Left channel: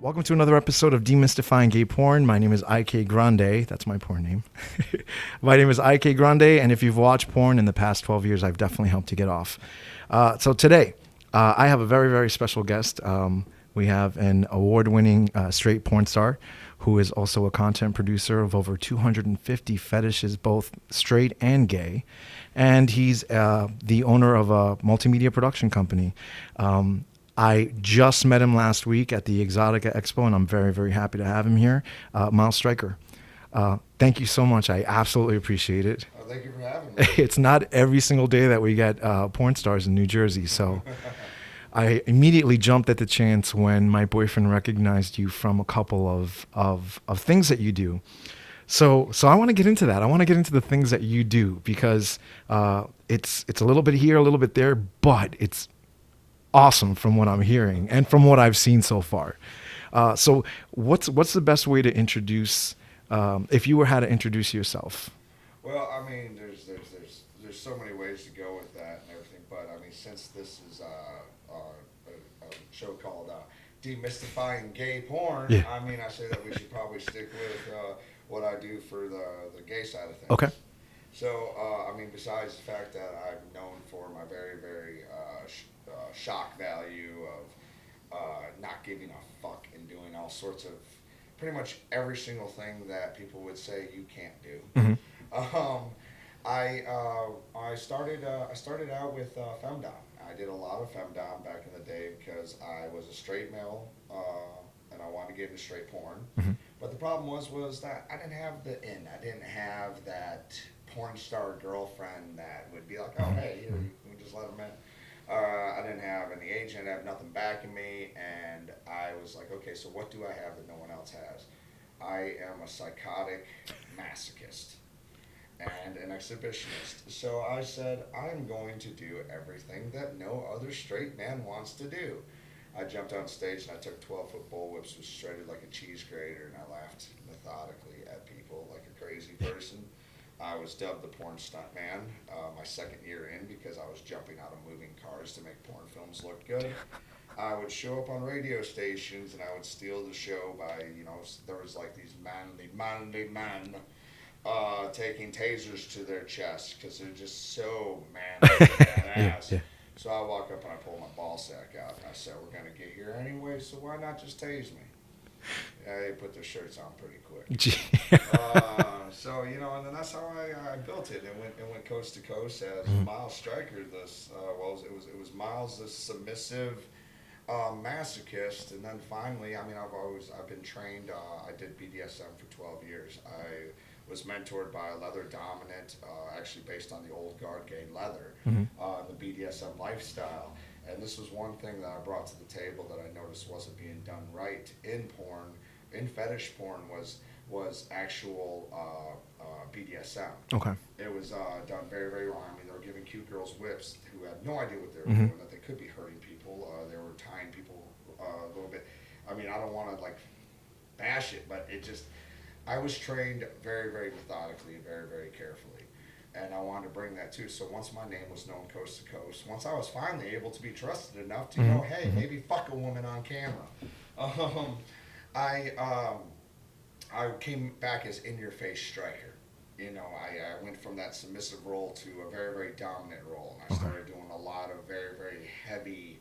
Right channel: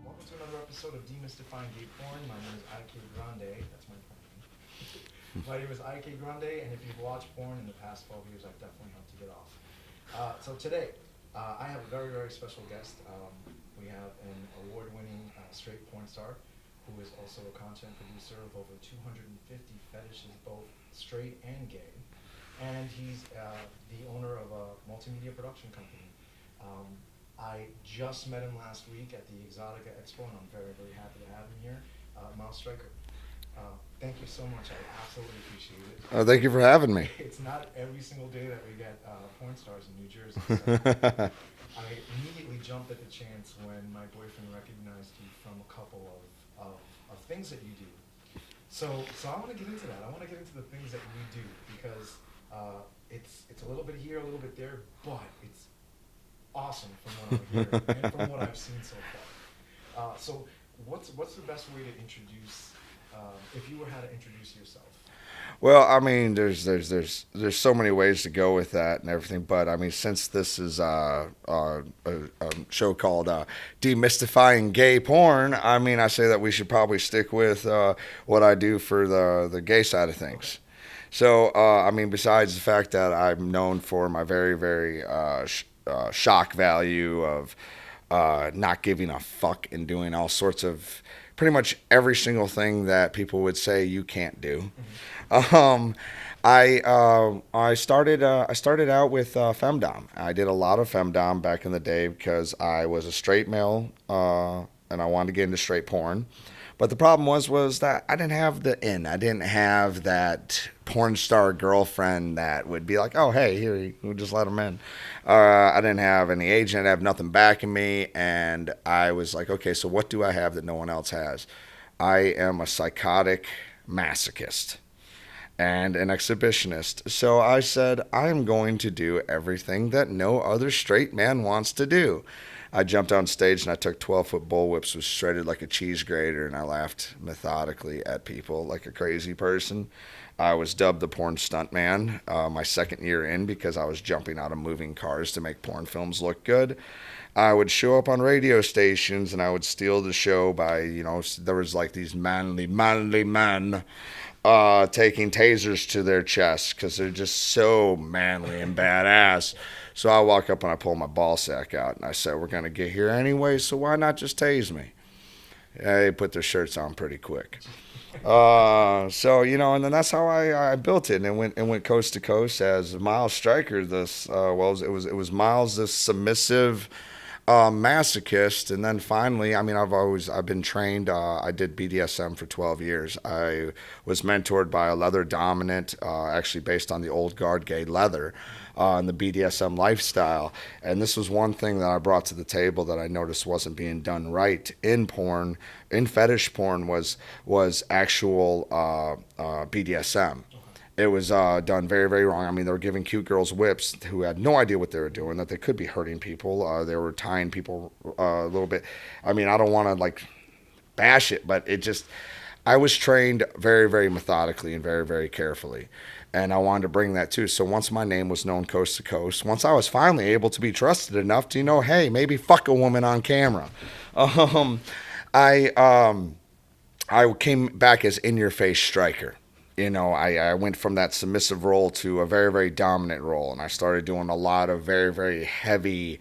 Welcome to another episode of Demystifying Gay Porn. My name is IK Grande. That's my porn name. My name is IK Grande, and if you've watched porn in the past 12 years, I've definitely helped you get off. So today, I have a very, very special guest. We have an award-winning straight porn star who is also a content producer of over 250 fetishes, both straight and gay. And he's the owner of a multimedia production company. I just met him last week at the Exotica Expo, and I'm very, very happy to have him here. Miles Stryker. Thank you so much. I absolutely appreciate it. Thank you for having me. It's not every single day that we get porn stars in New Jersey, so I immediately jumped at the chance when my boyfriend recognized you from a couple of things that you do. So I want to get into that. I want to get into the things that you do because it's a little bit here, a little bit there, but it's awesome from what I'm hearing and from what I've seen so far. So what's the best way to introduce, if you were how to introduce yourself? Well, I mean, there's so many ways to go with that and everything, but I mean, since this is a show called Demystifying Gay Porn, Yeah. I mean, I say that we should probably stick with what I do for the gay side of things. Okay. So, I mean, besides the fact that I'm known for my very, very shock value of not giving a fuck and doing all sorts of pretty much every single thing that people would say you can't do. Mm-hmm. I started out with femdom. I did a lot of femdom back in the day because I was a straight male and I wanted to get into straight porn. Mm-hmm. But the problem was that I didn't have the in. I didn't have that porn star girlfriend that would be like, oh, hey, here, you just let them in. I didn't have any agent. I have nothing backing me. And I was like, okay, so what do I have that no one else has? I am a psychotic masochist and an exhibitionist. So I said, I am going to do everything that no other straight man wants to do. I jumped on stage and I took 12-foot bullwhips, was shredded like a cheese grater, and I laughed methodically at people like a crazy person. I was dubbed the porn stuntman my second year in because I was jumping out of moving cars to make porn films look good. I would show up on radio stations and I would steal the show by, there was like these manly men taking tasers to their chests because they're just so manly and badass. Yeah. So I walk up and I pull my ball sack out and I said, we're going to get here anyway, so why not just tase me? They put their shirts on pretty quick. So, and then that's how I built it, and went coast to coast as Miles Stryker. It was Miles, this submissive masochist, and then finally, I mean, I've been trained. I did BDSM for 12 years. I was mentored by a leather dominant, actually based on the old guard gay leather, and the BDSM lifestyle. And this was one thing that I brought to the table that I noticed wasn't being done right in porn. In fetish porn was actual BDSM. Okay. It was done very, very wrong. I mean, they were giving cute girls whips who had no idea what they were doing, that they could be hurting people. They were tying people a little bit. I mean, I don't want to bash it, but I was trained very, very methodically and very, very carefully. And I wanted to bring that too. So once my name was known coast to coast, once I was finally able to be trusted enough to, hey, maybe fuck a woman on camera. I came back as in-your-face striker. I went from that submissive role to a very, very dominant role, and I started doing a lot of very, very heavy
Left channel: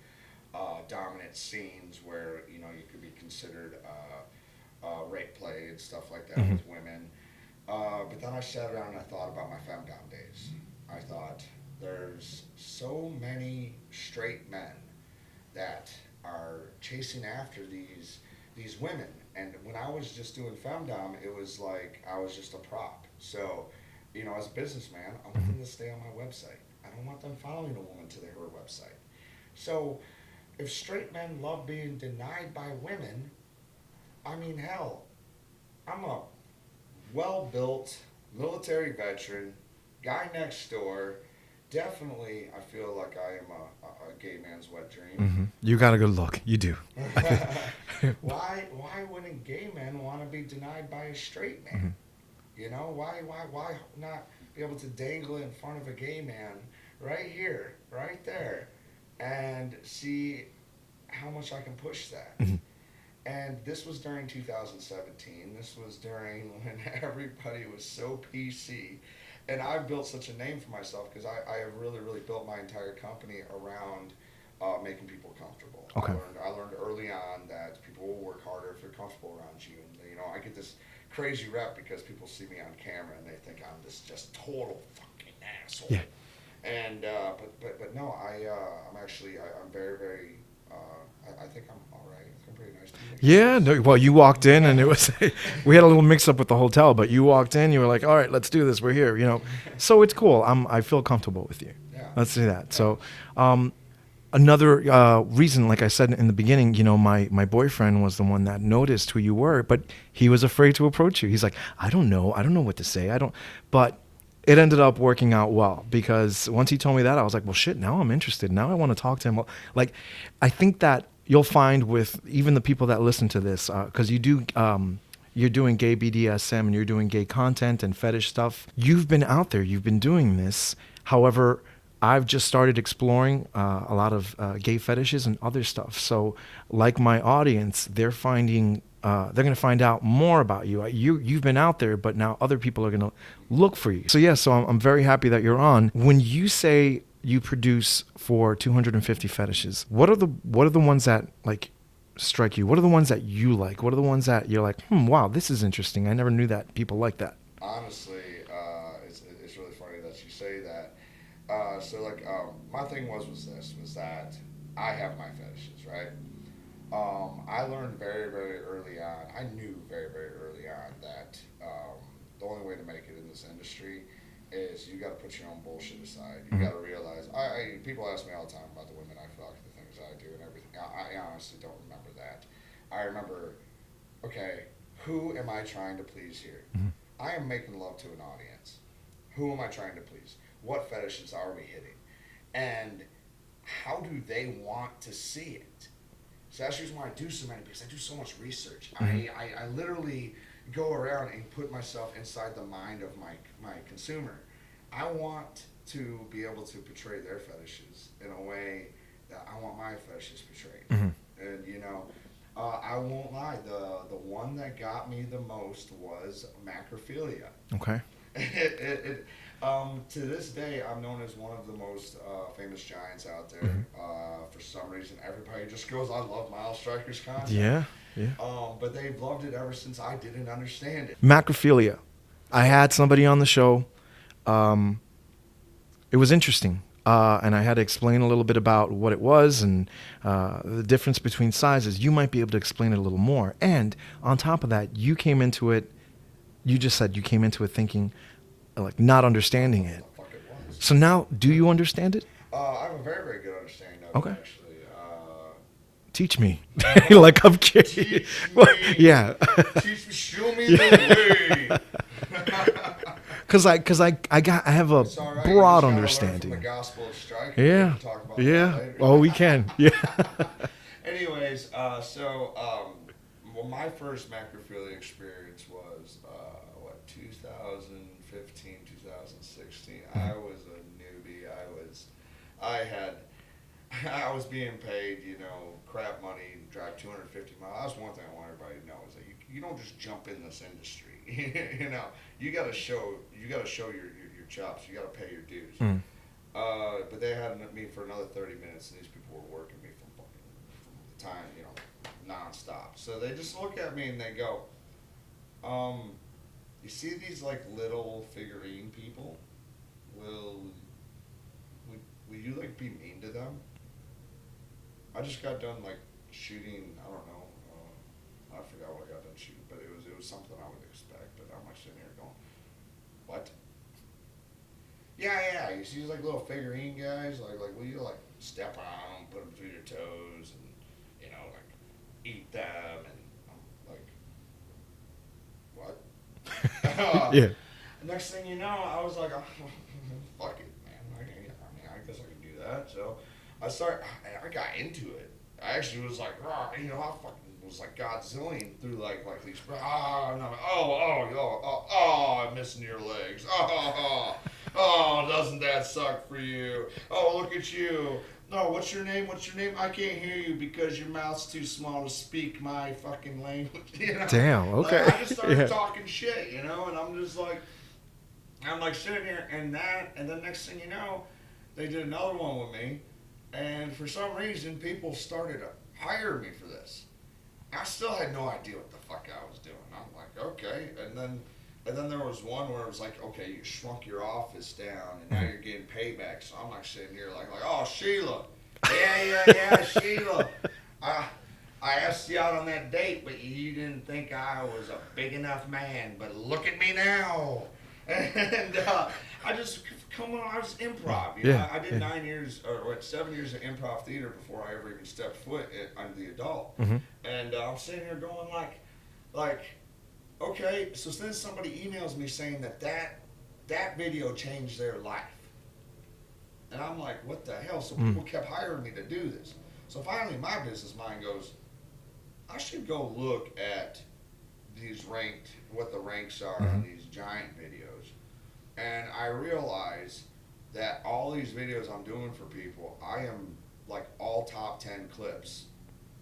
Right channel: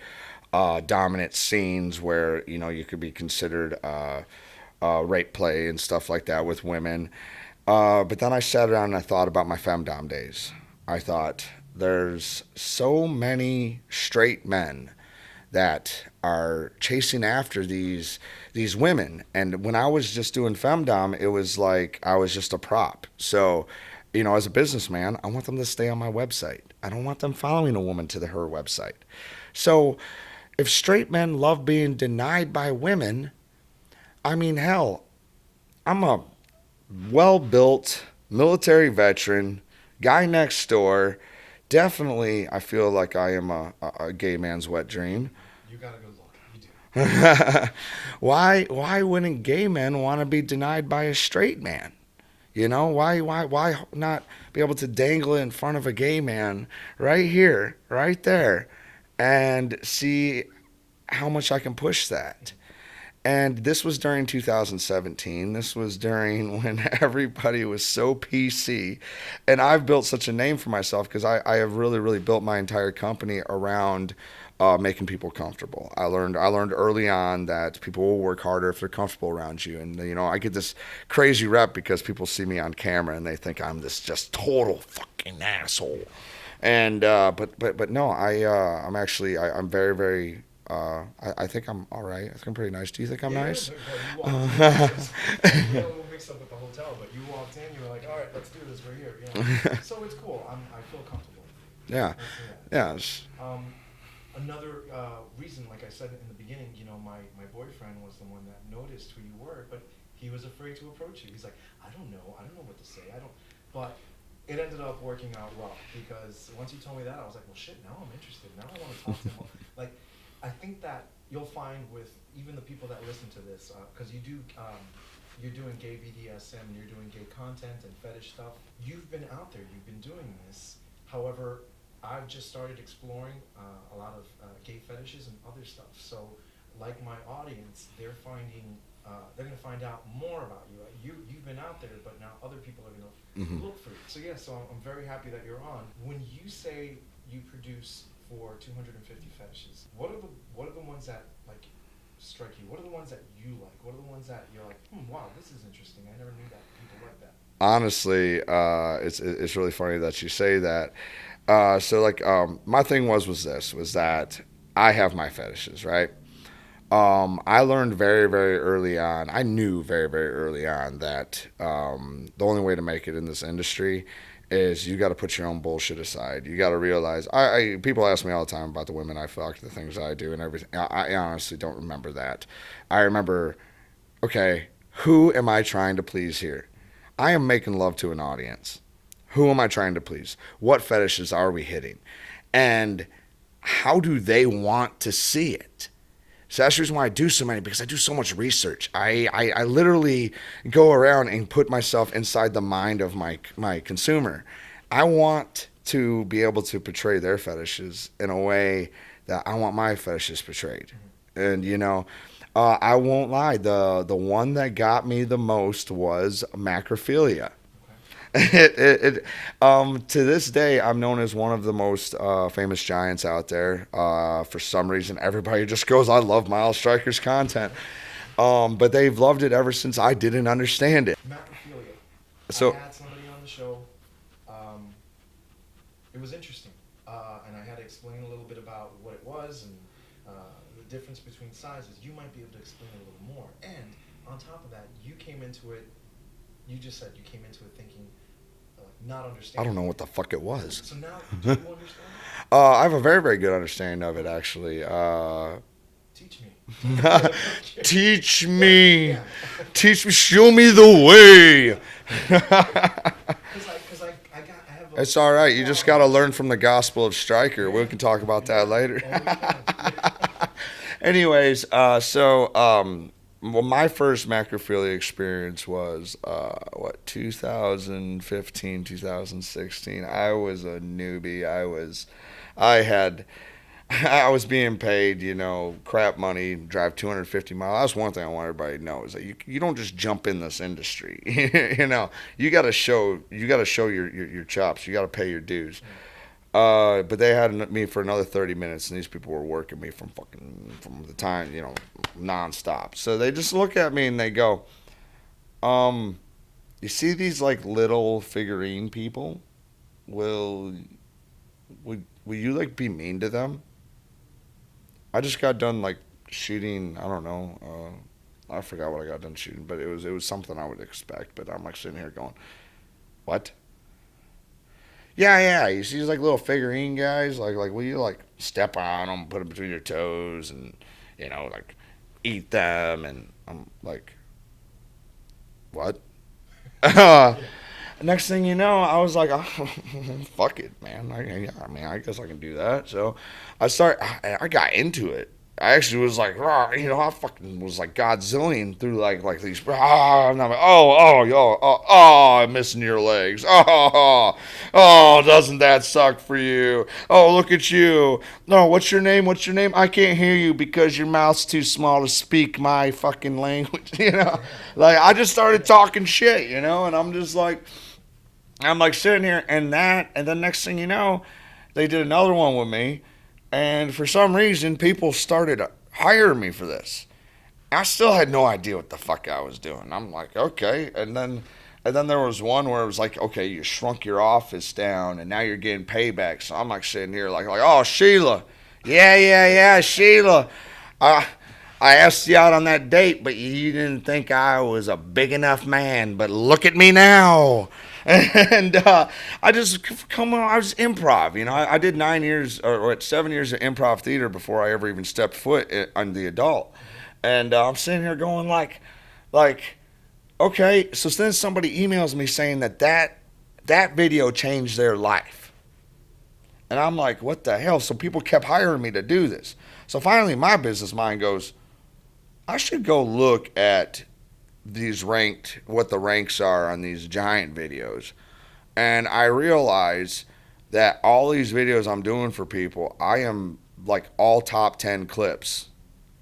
dominant scenes where, you could be considered rape play and stuff like that with women. But then I sat down and I thought about my femdom days. I thought, there's so many straight men that are chasing after these women, and when I was just doing femdom, it was like I was just a prop. So, as a businessman, I want them to stay on my website. I don't want them following a woman to her website. So, if straight men love being denied by women, I mean, hell, I'm a well-built military veteran, guy next door. Definitely, I feel like I am a gay man's wet dream. Mm-hmm. You got a good look. You do. Why wouldn't gay men want to be denied by a straight man? Why not be able to dangle it in front of a gay man right here, right there, and see how much I can push that? And this was during 2017. This was during when everybody was so PC. And I've built such a name for myself because I have really, really built my entire company around making people comfortable. Okay. I learned early on that people will work harder if they're comfortable around you. And, you know, I get this crazy rep because people see me on camera and they think I'm this just total fucking asshole. Yeah. And, but no, I'm very, very, I think I'm all right. I think I'm pretty nice. Do you think I'm nice? No, well, you walked in and it was, we had a little mix up with the hotel, but you walked in, you were like, all right, let's do this. We're here, you know. So it's cool. I feel comfortable with you. Yeah. Let's do that. Yeah. So another reason, like I said in the beginning, you know, my boyfriend was the one that noticed who you were, but he was afraid to approach you. He's like, I don't know what to say. But it ended up working out well because once he told me that, I was like, well, shit, now I'm interested. Now I want to talk to him. Like, I think that you'll find with even the people that listen to this, because you're doing gay BDSM and you're doing gay content and fetish stuff. You've been out there. You've been doing this. However, I've just started exploring a lot of gay fetishes and other stuff. So like my audience, they're finding they're going to find out more about you. You've been out there, but now other people are going to look for you. So yeah, so I'm very happy that you're on. When you say you produce for 250 fetishes, what are the ones that like strike you? What are the ones that you like? What are the ones that you're like, wow, this is interesting. I never knew that people like that. Honestly, it's really funny that you say that. My thing was that I have my fetishes, right? I learned very, very early on. I knew very, very early on that the only way to make it in this industry is you got to put your own bullshit aside. You got to realize. People ask me all the time about the women I fuck, the things I do, and everything. I honestly don't remember that. I remember, okay, who am I trying to please here? Mm-hmm. I am making love to an audience. Who am I trying to please? What fetishes are we hitting? And how do they want to see it? So that's the reason why I do so many, because I do so much research. Mm-hmm. I literally go around and put myself inside the mind of my consumer. I want to be able to portray their fetishes in a way that I want my fetishes portrayed. Mm-hmm. And, you know, I won't lie. The one that got me the most was macrophilia. Okay. To this day, I'm known as one of the most famous giants out there. For some reason, everybody just goes, I love Miles Stryker's content. Yeah. But they've loved it ever since I didn't understand it. Macrophilia. I had somebody on the show. It was interesting. And I had to explain a little bit about what it was and the difference between sizes. You might be able to explain it a little more. And on top of that, you came into it, you just said you came into it thinking, like, not understanding it. I don't know what the fuck it was. So now, do you understand it? I have a very, very good understanding of it, actually. Teach me. Like, I'm curious. Teach me. Yeah. Teach me. Show me the way. Because I have a. It's all right. You just got to learn from the Gospel of Stryker. Yeah. We can talk about that later. Oh, we can. Yeah. Anyways, well, my first macrophilia experience was 2015, 2016. I was a newbie. I was being paid, you know, crap money, drive 250 miles. That's one thing I want everybody to know is that you don't just jump in this industry. You know, you got to show your chops. You got to pay your dues. But they had me for another 30 minutes, and these people were working me from the time, you know, nonstop. So they just look at me and they go, you see these like little figurine people? Will you like be mean to them? I just got done like shooting, I don't know, I forgot what I got done shooting, but it was something I would expect. But I'm like sitting here going, what? Yeah. You see these like little figurine guys, like will you like step on them, put them between your toes, and you know like eat them? And I'm like, what? Yeah. Next thing you know, I was like, oh, fuck it, man. I mean, I guess I can do that. So I got into it. I actually was like, "Rah," I fucking was like Godzillion through like these, "Rah," and I'm like, I'm missing your legs. Doesn't that suck for you? Oh, look at you. No, what's your name? What's your name? I can't hear you because your mouth's too small to speak my fucking language. Damn. Like Okay. I just started Yeah. talking shit, and I'm just like, I'm like sitting here, and then next thing you know, they did another one with me, and for some reason, people started hiring me for this. I still had no idea what the fuck I was doing. I'm like, okay, and then there was one where it was like, okay, you shrunk your office down, and now you're getting payback. So I'm like sitting here like, oh Sheila, yeah, Sheila. Uh, I asked you out on that date, but you didn't think I was a big enough man. But look at me now. And I just come on. I was improv. Yeah. I did Yeah. 9 years or 7 years of improv theater before I ever even stepped foot on the adult. Mm-hmm. And I'm sitting here going like, okay. So then somebody emails me saying that video changed their life, and I'm like, what the hell? So people kept hiring me to do this. So finally, my business mind goes, I should go look at what the ranks are on Mm-hmm. these giant videos. And I realize that all these videos I'm doing for people, I am like all top 10 clips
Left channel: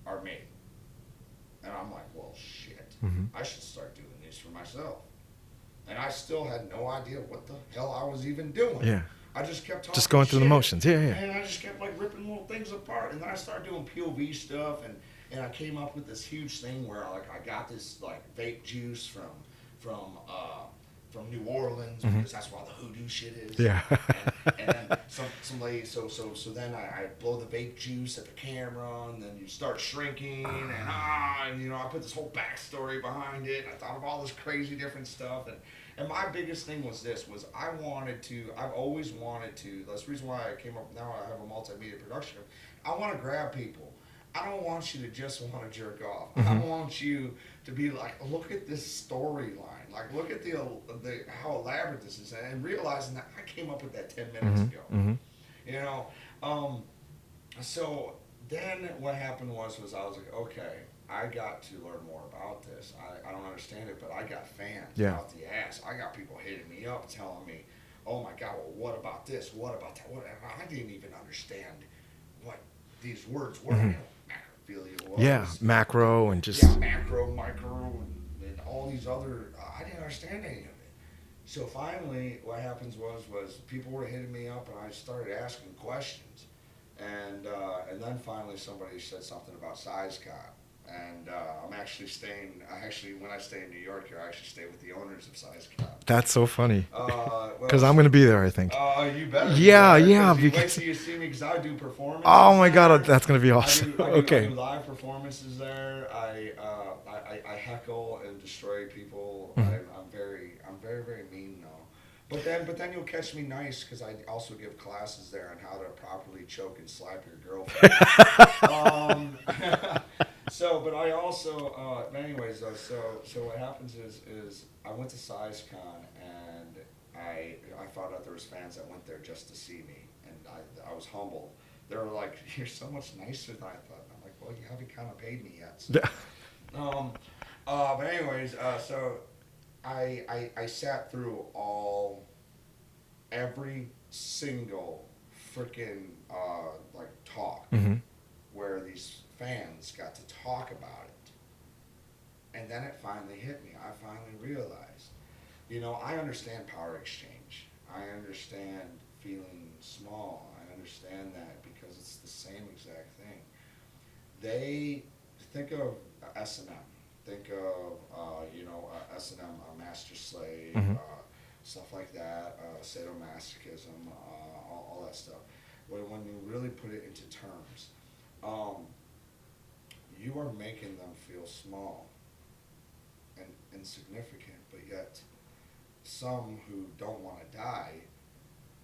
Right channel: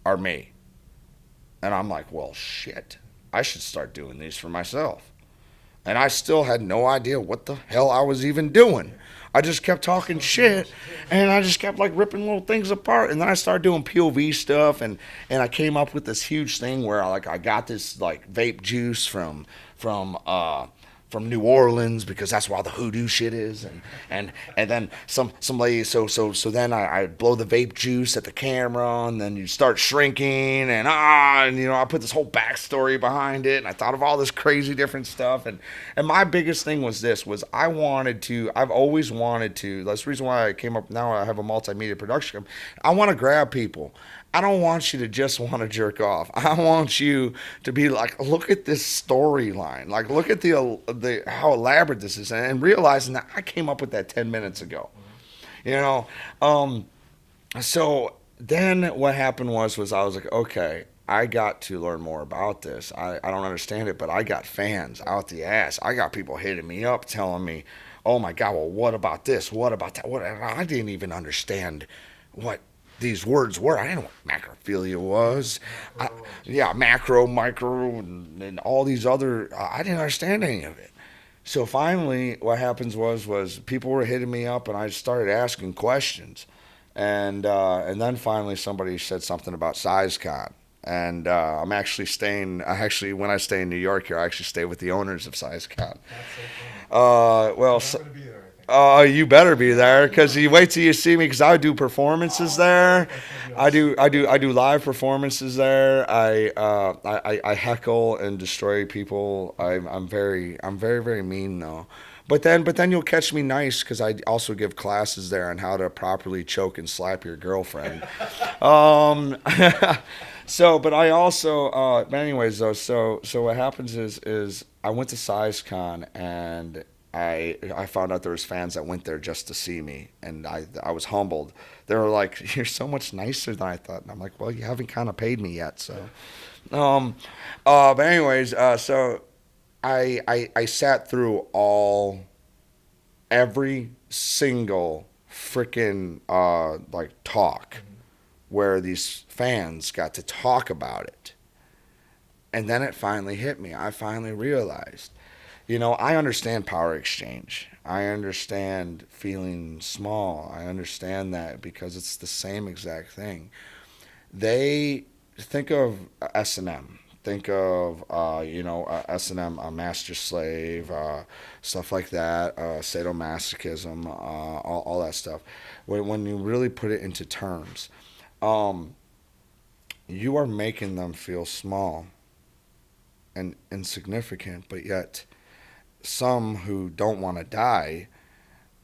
are me. And I'm like, well, shit, Mm-hmm. I should start doing these for myself. And I still had no idea what the hell I was even doing. Yeah. I just kept Just talking going through the shit, motions. Yeah. Yeah. and I just kept like ripping little things apart. And then I started doing POV stuff, and I came up with this huge thing where I got this like vape juice from from New Orleans because that's where all the hoodoo shit is. Yeah. And then some lady so then I blow the vape juice at the camera, and then you start shrinking, and I put this whole backstory behind it, and I thought of all this crazy different stuff, and my biggest thing was I've always wanted to. That's the reason why I came up. Now I have a multimedia production company. I want to grab people. I don't want you to just want to jerk off. I want you to be like, look at this storyline. Like, look at the how elaborate this is, and realizing that I came up with that 10 minutes Mm-hmm. ago. Mm-hmm. You know, um, so then what happened was I was like, okay, I got to learn more about this. I don't understand it, but I got fans Yeah. out the ass. I got people hitting me up telling me, oh my God, well, what about this? What about that? What? I didn't even understand what these words were. I Mm-hmm. didn't know what macrophilia Yeah. was. Macro and just. Yeah, macro, micro, and all these other. I didn't understand any of it. So finally, what happens was people were hitting me up, and I started asking questions, and then finally somebody said something about SizeCon, and I'm actually staying. When I stay in New York here, I actually stay with the owners of SizeCon. That's so funny. Well, Because I'm going to be there, I think. you better be Yeah, there because yeah. you wait till you see me because I do performances Oh my there. God, that's going to be awesome. I Okay. do live performances there. I heckle and destroy people. I'm very mean though. But then you'll catch me nice because I also give classes there on how to properly choke and slap your girlfriend. um, but I also, but anyways though, so what happens is I went to SizeCon and I found out there was fans that went there just to see me, and I was humbled. They were like, "You're so much nicer than I thought," and I'm like, "Well, you haven't kind of paid me yet, so." But anyways, so I sat through every single freaking like talk Mm-hmm. where these fans got to talk about it, and then it finally hit me. I finally realized, I understand power exchange. I understand feeling small. I understand that because it's the same exact thing. They think of S&M. Think of S&M, a master slave, Mm-hmm. stuff like that, sadomasochism, all that stuff. When you really put it into terms, um, you are making them feel small and insignificant, but yet some who don't want to die,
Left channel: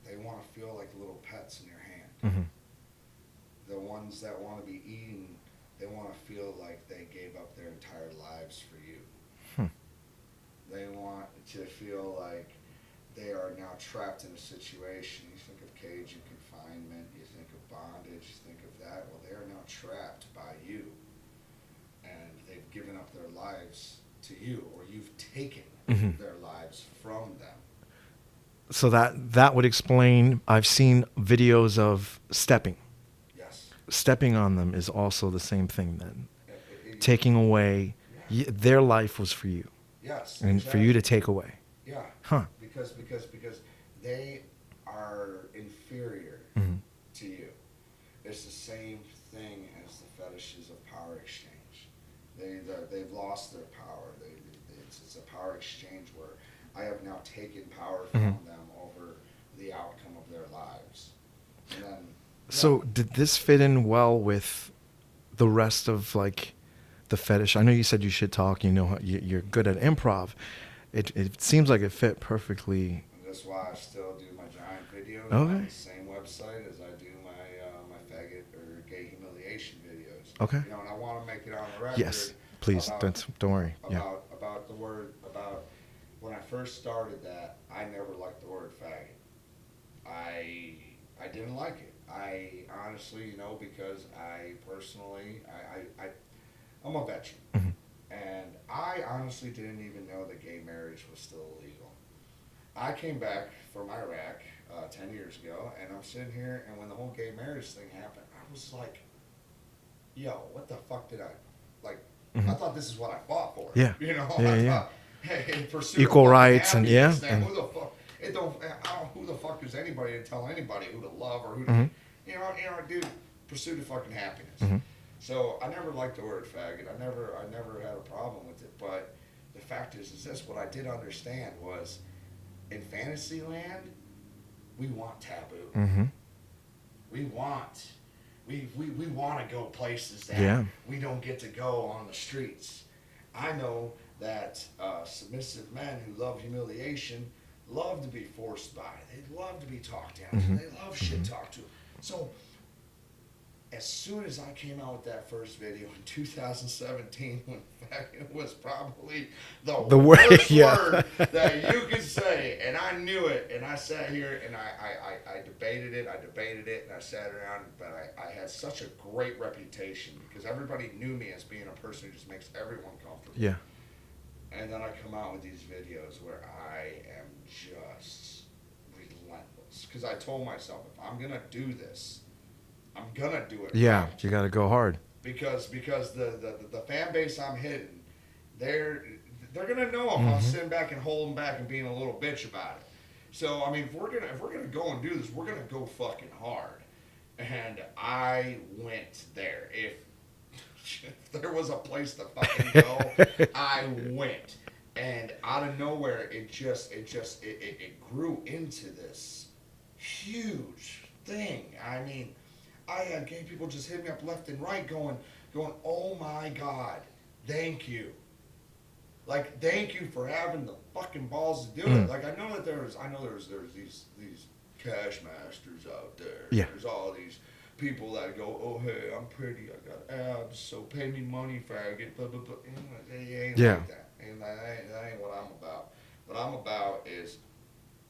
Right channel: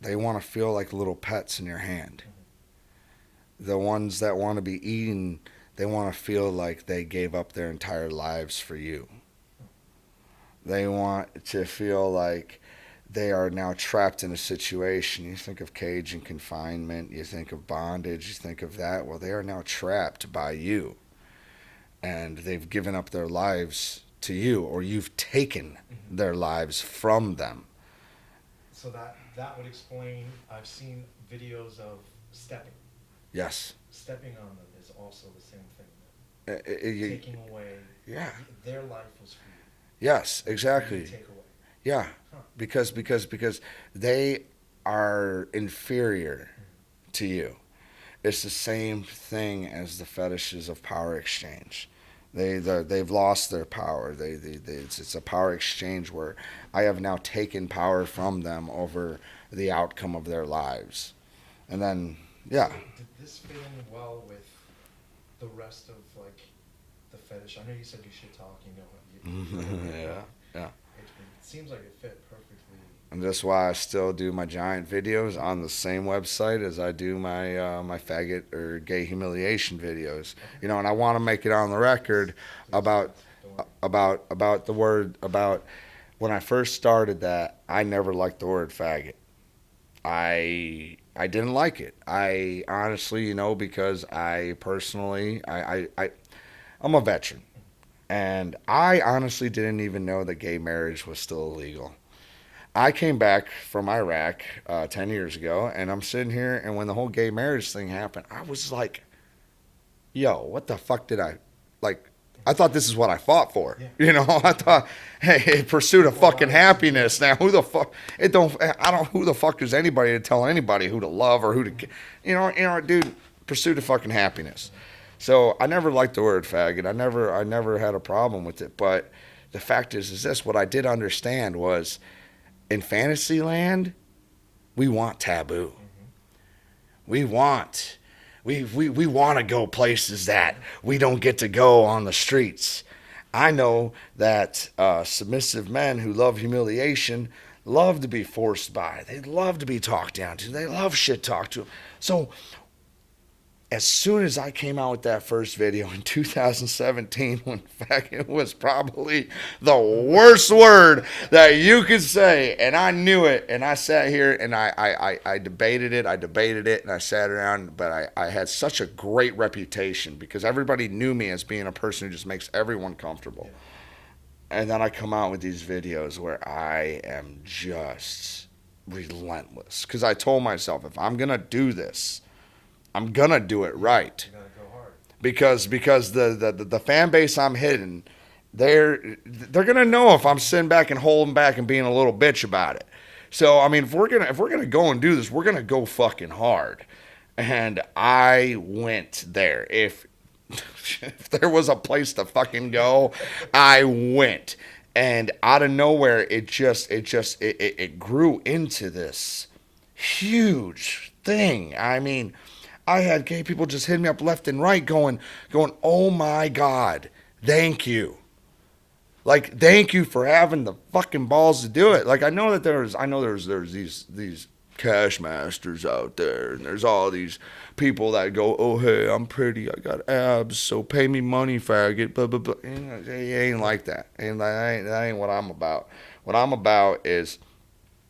they want to feel like little pets in your hand. Mm-hmm. The ones that want to be eaten, they want to feel like they gave up their entire lives for you. Hmm. They want to feel like they are now trapped in a situation. You think of cage and confinement, you think of bondage, you think of that. Well, they are now trapped by you, and they've given up their lives to you, or you've taken their lives from them. So that would explain. I've seen videos of stepping. Yes. Stepping on them is also the same thing then. Taking Taking away, their life was for you. Yes, And exactly. for you to take away. Yeah. Huh. Because they are inferior to you. It's the same thing as the fetishes of power exchange. They've lost their power. It's a power exchange where I have now taken power from them over the outcome of their lives. And then, yeah. So did this fit in well with the rest of like the fetish? I know you said you should talk. You know you're good at improv. Yeah. It seems like it fit perfectly. And that's why I still do my giant videos on the same website as I do my my faggot or gay humiliation videos. Okay. You know, and I want to make it on the record Please, about don't worry. about the word about when I first started that. I never liked the word faggot. I didn't like it. I honestly, you know, because I personally I'm a veteran. And I honestly didn't even know that gay marriage was still illegal. I came back from Iraq 10 years ago, and I'm sitting here, and when the whole gay marriage thing happened, I was like, yo, what the fuck did I, like, I thought this is what I fought for. Yeah. You know, I thought, hey, pursuit Equal of fucking rights happiness. and, Now, who the fuck, who the fuck is anybody to tell anybody who to love or who to, you know, dude, pursuit of fucking happiness. So I never liked the word faggot. I never had a problem with it. But the fact is this: what I did understand was, in Fantasyland, we want taboo. We want to go places that we don't get to go on the streets. I know that submissive men who love humiliation love to be forced by. They love to be talked down to. They love shit talked to them. So as soon as I came out with that first video in 2017, when faggot was probably the worst word that you could say, and I knew it, and I sat here and I debated it, and I sat around, but I had such a great reputation because everybody knew me as being a person who just makes everyone comfortable. Yeah. And then I come out with these videos where I am just relentless because I told myself, if I'm going to do this, I'm gonna do it right. You gotta go hard because the fan base I'm hitting, they're gonna know if I'm sitting back and holding back and being a little bitch about it. So I mean, if we're gonna go and do this, we're gonna go fucking hard. And I went there. If there was a place to fucking go, I went. And out of nowhere, it grew into this huge thing. I mean, I had gay people just hitting me up left and right going, oh my God, thank you. Like, thank you for having the fucking balls to do it. Like, I know there's these cash masters out there. And there's all these people that go, oh, hey, I'm pretty, I got abs, so pay me money, faggot, blah, blah, blah. It ain't like that. And that ain't what I'm about. What I'm about is,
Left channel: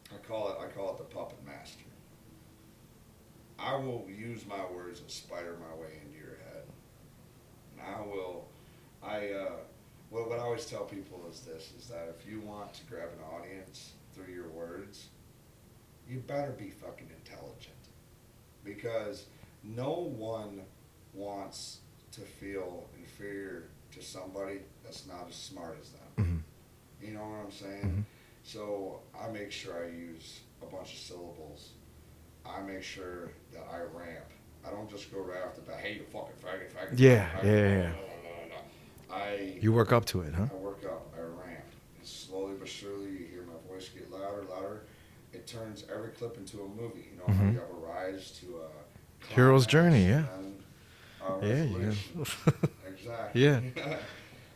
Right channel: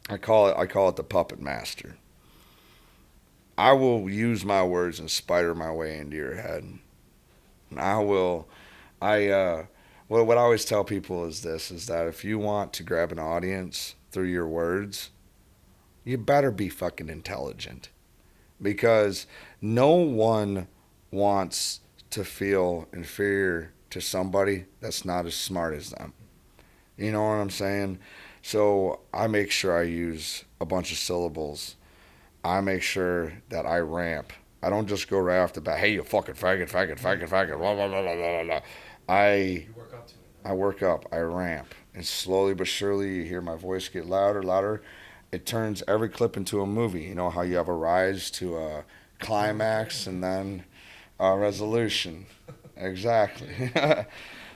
I call it the puppet master. I will use my words and spider my way into your head. And what I always tell people is that if you want to grab an audience through your words, you better be fucking intelligent. Because no one wants to feel inferior to somebody that's not as smart as them. You know what I'm saying? So I make sure I use a bunch of syllables. I make sure that I ramp. I don't just go right off the bat, hey, you fucking faggot, blah, blah, blah, blah. You work up to it, huh? I work up. I ramp. And slowly but surely, you hear my voice get louder. It turns every clip into a movie. You know how you have a rise to a climax, Hero's journey, and then a resolution. Exactly. Yeah.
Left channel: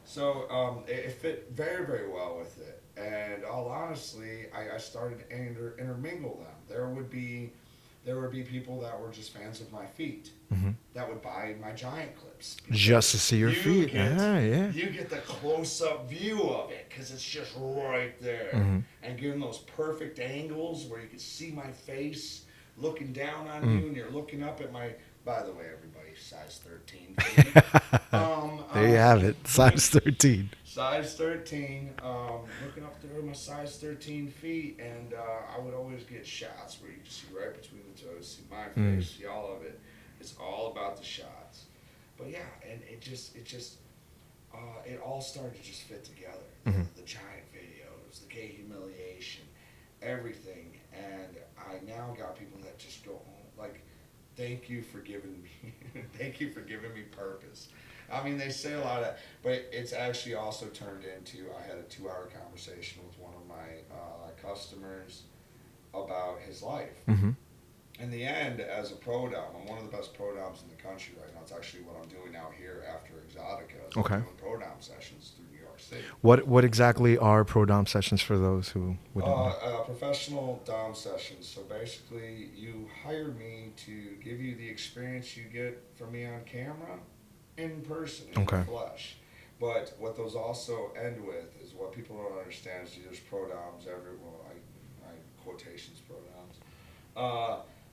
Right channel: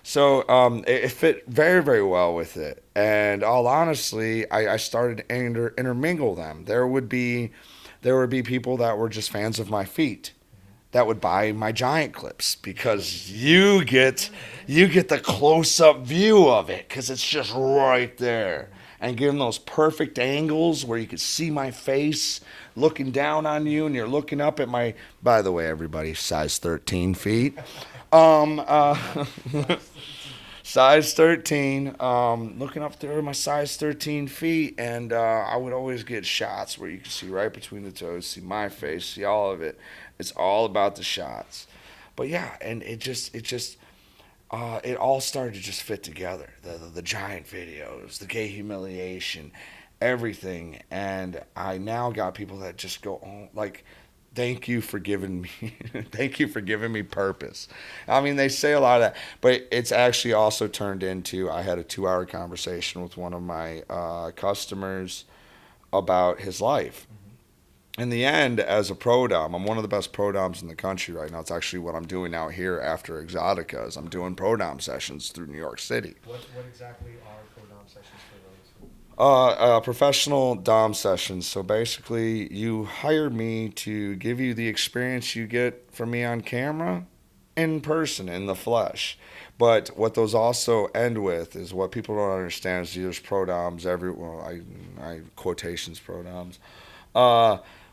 So it fit very, very well with it. And all honestly, I started to intermingle them. There would be people that were just fans of my feet. that would buy my giant clips Just because to see your you feet. get Yeah. you get the close up view of it because it's just right there, and given those perfect angles where you can see my face looking down on you, and you're looking up at my. By the way, everybody, size 13 feet. There you have it. Size 13. Size 13, looking up there my size 13 feet, and I would always get shots where you can see right between the toes, see my face, see all of it. It's all about the shots. But yeah, and it all started to just fit together. The giant videos, the gay humiliation, everything. And I now got people that just go, oh, like, thank you for giving me thank you for giving me purpose. I mean, they say a lot of that, but it's actually also turned into, I had a 2-hour conversation with one of my customers about his life. In the end, as a pro dom, I'm one of the best pro doms in the country right now. It's actually what I'm doing out here after Exotica. Is I'm doing pro dom sessions through New York City. What exactly are pro dom sessions for those who? Professional dom sessions. So basically, you hire me to give you the experience you get from me on camera, in person, in the flesh. But what those also end with is what people don't understand is there's pro doms I quotations pro doms.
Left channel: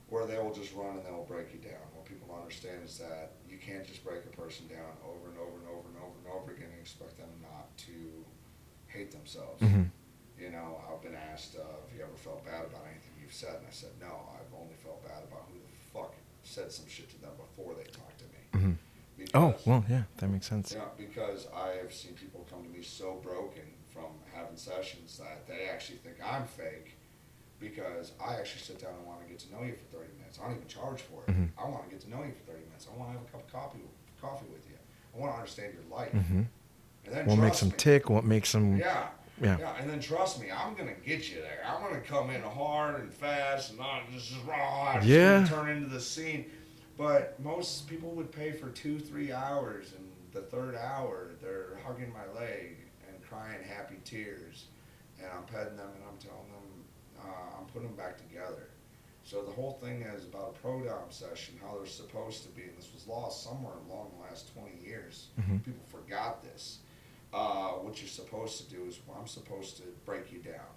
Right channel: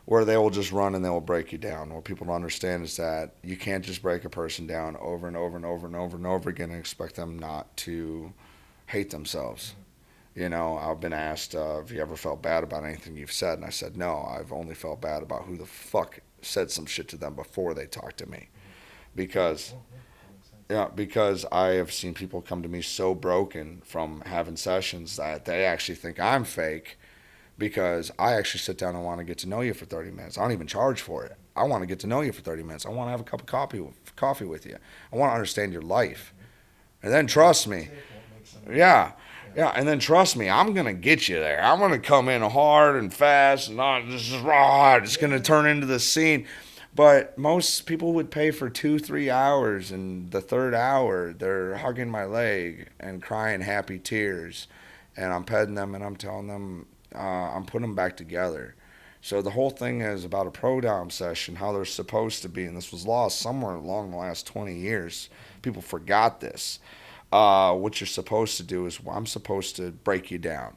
Where they will just run and they will break you down. What people don't understand is that you can't just break a person down over and over and over and over and over again and expect them not to hate themselves. You know, I've been asked, have you ever felt bad about anything you've said? And I said, no, I've only felt bad about who the fuck said some shit to them before they talked to me. Because, well, yeah, that makes sense. Yeah, because I have seen people come to me so broken from having sessions that they actually think I'm fake. Because I actually sit down and want to get to know you for 30 minutes. I don't even charge for it. I want to get to know you for 30 minutes. I want to have a cup of coffee with you. I want to understand your life. And then trust me. Tick, what makes them... Yeah. And then trust me, I'm going to get you there. I'm going to come in hard and fast and not just raw. It's going to turn into the scene. But most people would pay for 2-3 hours, and the third hour, they're hugging my leg and crying happy tears. And I'm petting them and I'm telling them, I'm putting them back together. So the whole thing is about a pro dom session, how they're supposed to be, and this was lost somewhere along the last 20 years. People forgot this. What you're supposed to do is, I'm supposed to break you down.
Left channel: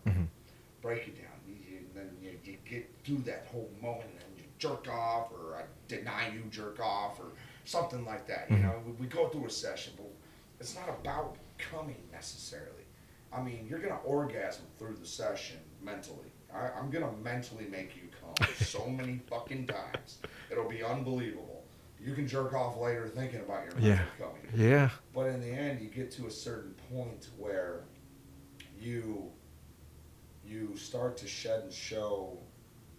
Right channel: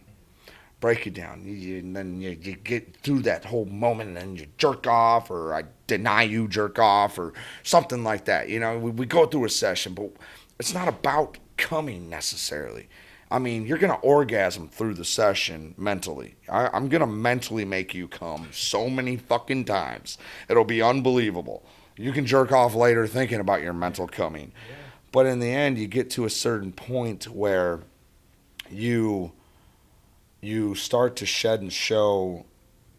Break you down. And then you get through that whole moment, and then you jerk off, or I deny you jerk off, or something like that. You know, we go through a session, but it's not about coming necessarily. I mean, you're going to orgasm through the session mentally. I'm going to mentally make you come so many fucking times. It'll be unbelievable. You can jerk off later thinking about your mental coming. Yeah. But in the end, you get to a certain point where you start to shed and show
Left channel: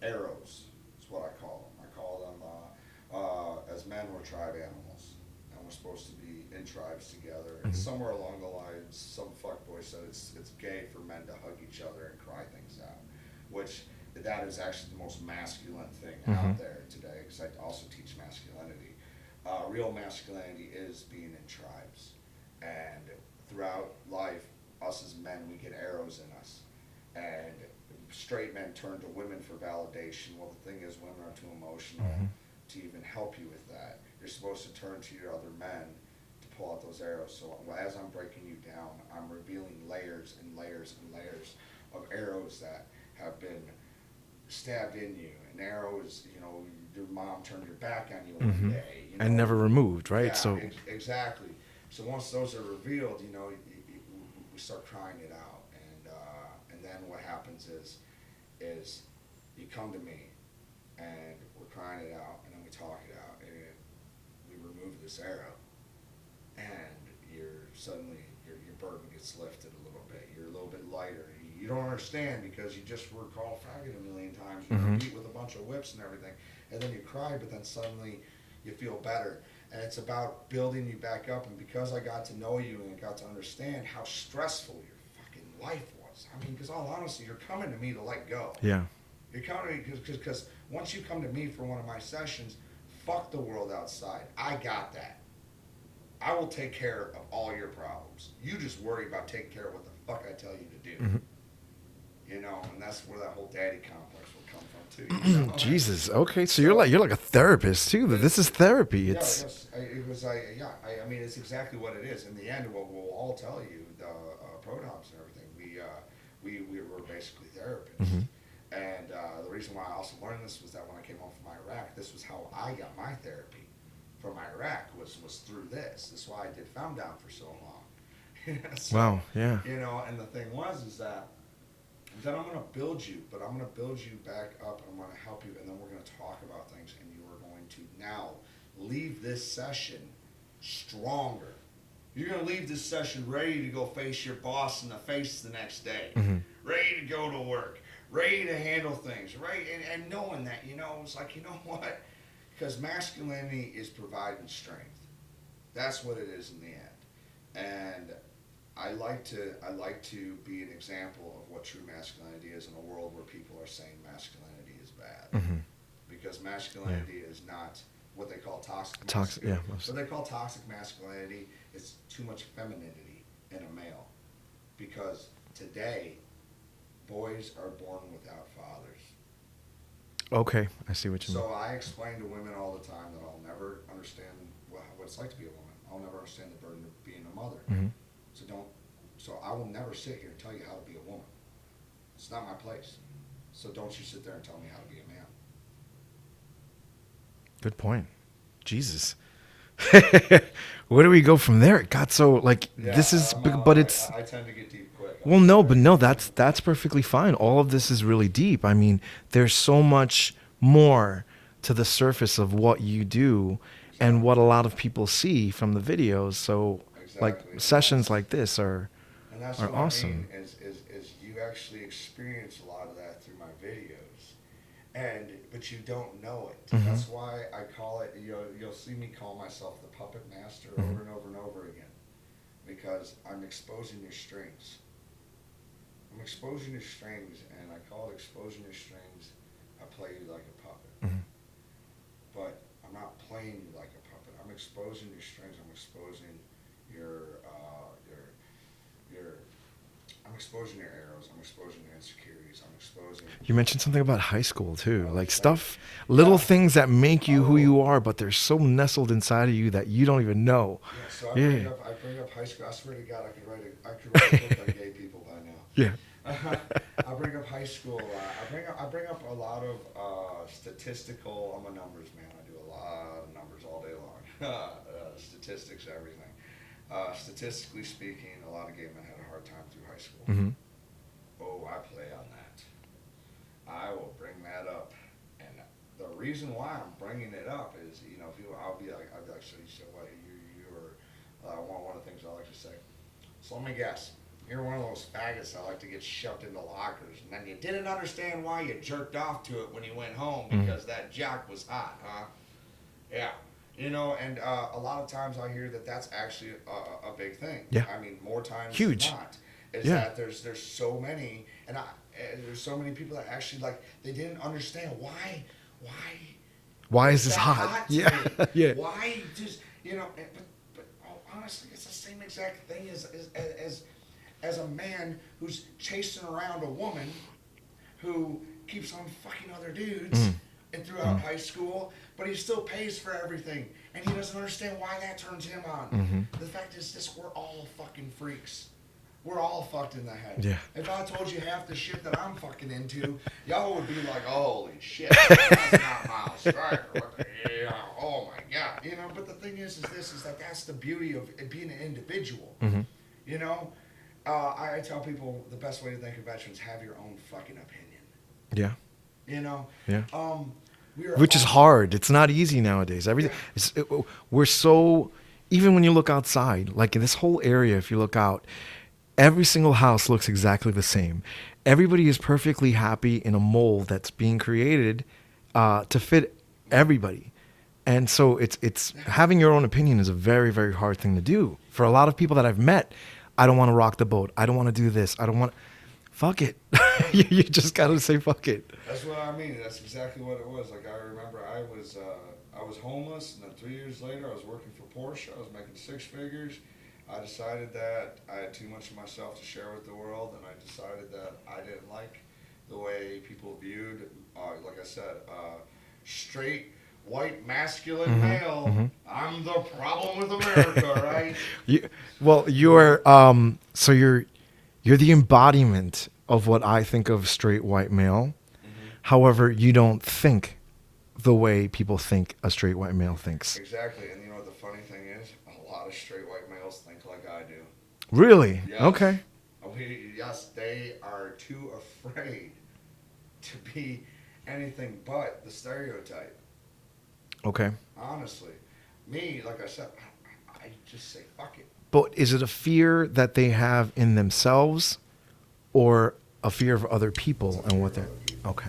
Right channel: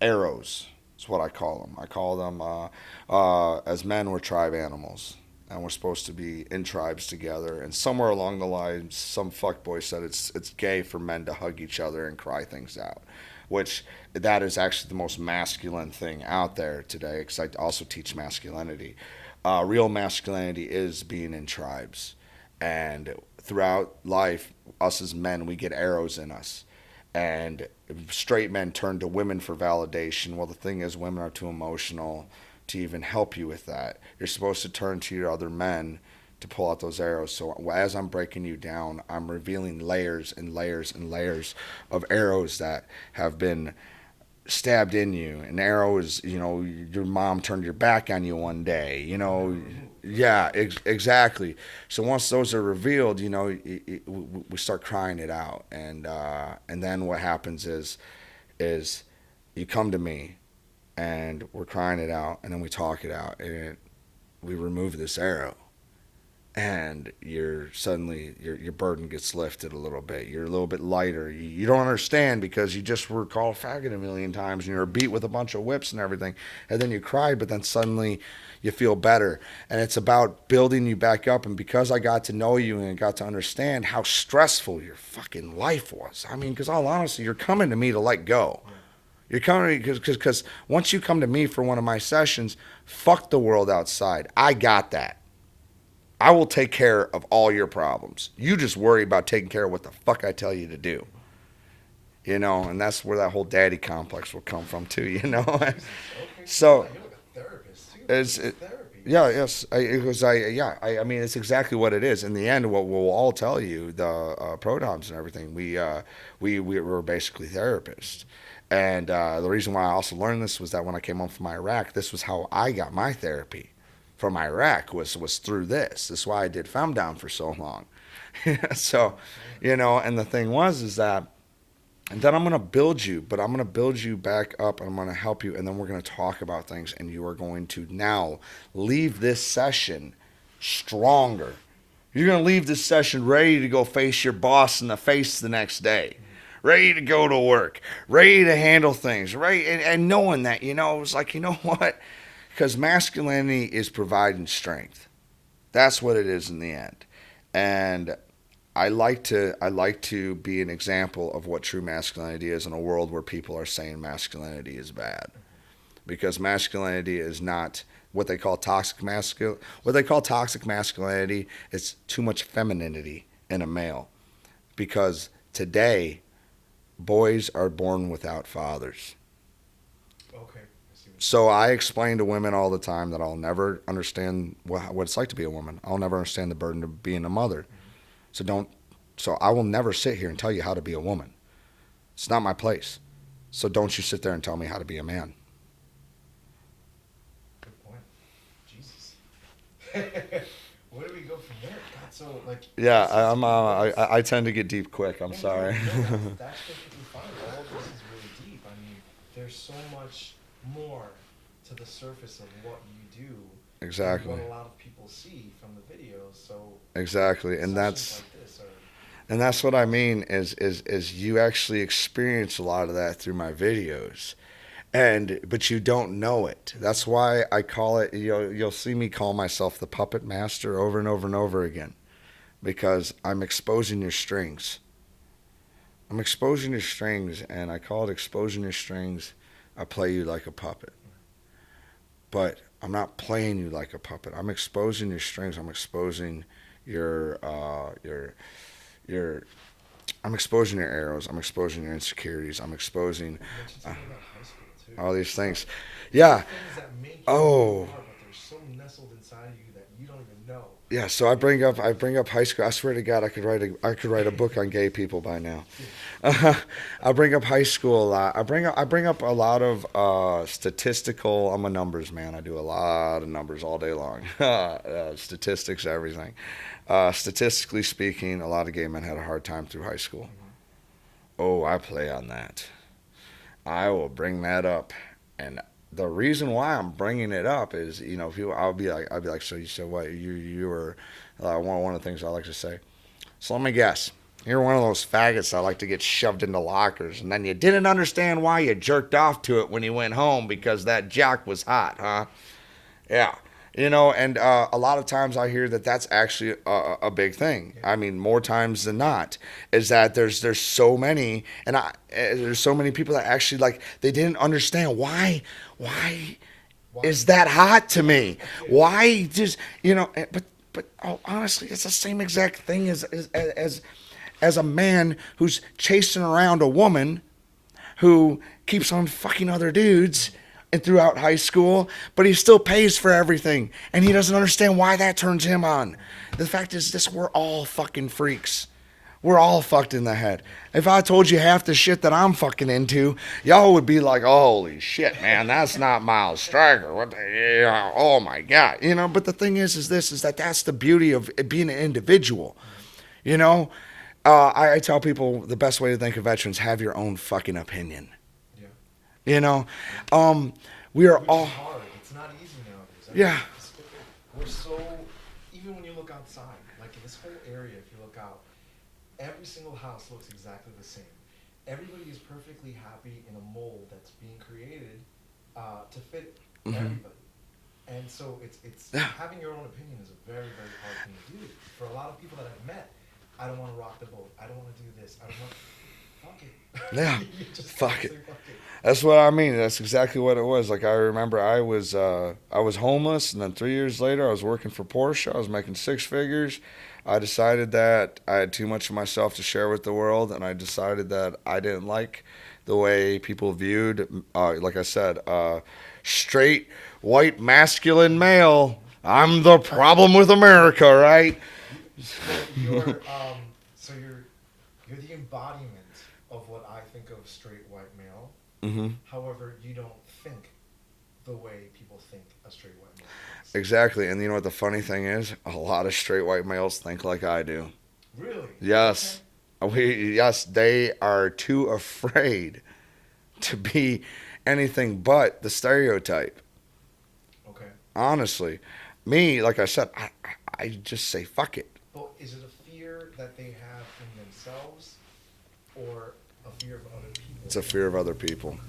arrows. That's what I call them. I call them, as men, we're tribe animals. And we're supposed to be in tribes together. And somewhere along the line, some fuckboy said it's gay for men to hug each other and cry things out, which that is actually the most masculine thing out there today, because I also teach masculinity. Real masculinity is being in tribes. And throughout life, us as men, we get arrows in us. And straight men turn to women for validation. Well, the thing is, women are too emotional to even help you with that. You're supposed to turn to your other men to pull out those arrows. So as I'm breaking you down, I'm revealing layers and layers and layers of arrows that have been stabbed in you. An arrow is, you know, your mom turned your back on you one day, you know. And never removed, right? Yeah, exactly. So once those are revealed, you know, we start crying it out. And then what happens is you come to me, and we're crying it out, and then we talk it out, and we remove this arrow, and your burden gets lifted a little bit. You're a little bit lighter. You don't understand because you just were called faggot a million times, and you were beat with a bunch of whips and everything, and then you cried, but then suddenly you feel better. And it's about building you back up. And because I got to know you and got to understand how stressful your fucking life was, I mean, because all honesty, you're coming to me to let go. Yeah. You're coming because once you come to me for one of my sessions, fuck the world outside. I got that. I will take care of all your problems. You just worry about taking care of what the fuck I tell you to do. you know, and that's where that whole daddy complex will come from too, you know. Jesus. Okay. So, So you're like a therapist too. This is therapy. Yeah, It's, yes. I mean, it's exactly what it is. In the end, what we'll all tell you, the prodoms and everything, we were basically therapists. And the reason why I also learned this was that when I came home from Iraq, this was how I got my therapy from Iraq was through this. This is why I did Femdown for so long. So, wow. Yeah. you know, and the thing was is that, and then I'm going to build you, but I'm going to build you back up and I'm going to help you. And then we're going to talk about things and you are going to now leave this session stronger. You're going to leave this session ready to go face your boss in the face the next day, ready to go to work, ready to handle things, right? And knowing that, you know, it's like, you know what? Because masculinity is providing strength. That's what it is in the end. And I like to be an example of what true masculinity is in a world where people are saying masculinity is bad, because masculinity is not what they call toxic masculinity. What they call toxic masculinity is too much femininity in a male, because today boys are born without fathers. Okay. I see what you So I explain to women all the time that I'll never understand what it's like to be a woman. I'll never understand the burden of being a mother. So I will never sit here and tell you how to be a woman. It's not my place. So don't you sit there and tell me how to be a man. Good point. Jesus. Where do we go from there? It got so like this is, but it's. I tend to get deep quick. Well, no, but no, that's perfectly fine. All of this is really deep. I mean, there's so much more to the surface of what you do and what a lot of people see from the videos. So exactly, like, and sessions like this are. And that's what awesome. I mean is you actually experience a lot of that through my videos. But you don't know it. That's why I call it, you'll see me call myself the puppet master over and over and over again, because I'm exposing your strings. I'm exposing your strings, and I call it exposing your strings. I play you like a puppet. But I'm not playing you like a puppet. I'm exposing your strings. I'm exposing I'm exposing your arrows. I'm exposing your insecurities. I'm exposing. You mentioned something about high school too. All Like these stuff, things. little things that make you who you are, but they're so nestled inside of you that you don't even know. Yeah. So I bring up high school. I swear to God, I could write a book on gay people by now. Yeah. I bring up high school a lot. I bring up a lot of statistical. I'm a numbers man. I do a lot of numbers all day long. Statistics, everything. Statistically speaking, a lot of gay men had a hard time through high school. Oh, I play on that. I will bring that up, and the reason why I'm bringing it up is, I'll be like, so you said what? You were one of the things I like to say. So let me guess. You're one of those faggots that like to get shoved into lockers, and then you didn't understand why you jerked off to it when you went home because that jock was hot, huh? Yeah. And a lot of times I hear that that's actually a big thing. Yeah. I mean, more times Huge. than not, is that there's so many, and there's so many people that actually like they didn't understand why is that hot to me? Yeah. Why just but honestly, it's the same exact thing as a man who's chasing around a woman who keeps on fucking other dudes. And throughout high school, but he still pays for everything, and he doesn't understand why that turns him on. The fact is, we're all fucking freaks. We're all fucked in the head. Yeah. If I told you half the shit that I'm fucking into, y'all would be like, "Holy shit, man, that's not Miles Stryker. What the, oh my god." But the thing is that that's the beauty of being an individual. I tell people the best way to think of veterans: have your own fucking opinion. Yeah. Which is hard. It's not easy nowadays. We're so, even when you look outside, like in this whole area, if you look out, every single house looks exactly the same. Everybody is perfectly happy in a mold that's being created to fit everybody. And so it's having your own opinion is a very, very hard thing to do. For a lot of people that I've met, I don't want to rock the boat. I don't want to do this. I don't want. Fuck it. Yeah. You just gotta say fuck it. That's what I mean. That's exactly what it was. Like I remember I was homeless, and then 3 years later I was working for Porsche. I was making six figures. I decided that I had too much of myself to share with the world, and I decided that I didn't like the way people viewed, like I said, straight, white, masculine male. I'm the problem with America, right? You, well, you're so you're the embodiment of what I think of straight white male. However, you don't think the way people think a straight white male thinks. Exactly. And you know what the funny thing is? A lot of straight white males think like I do. Really? Yes. Okay. Yes, they are too afraid to be anything but the stereotype. Okay. Honestly, me, like I said, I just say fuck it. But is it a fear that they have in themselves, or a fear of other people? It's a fear of other people. Okay.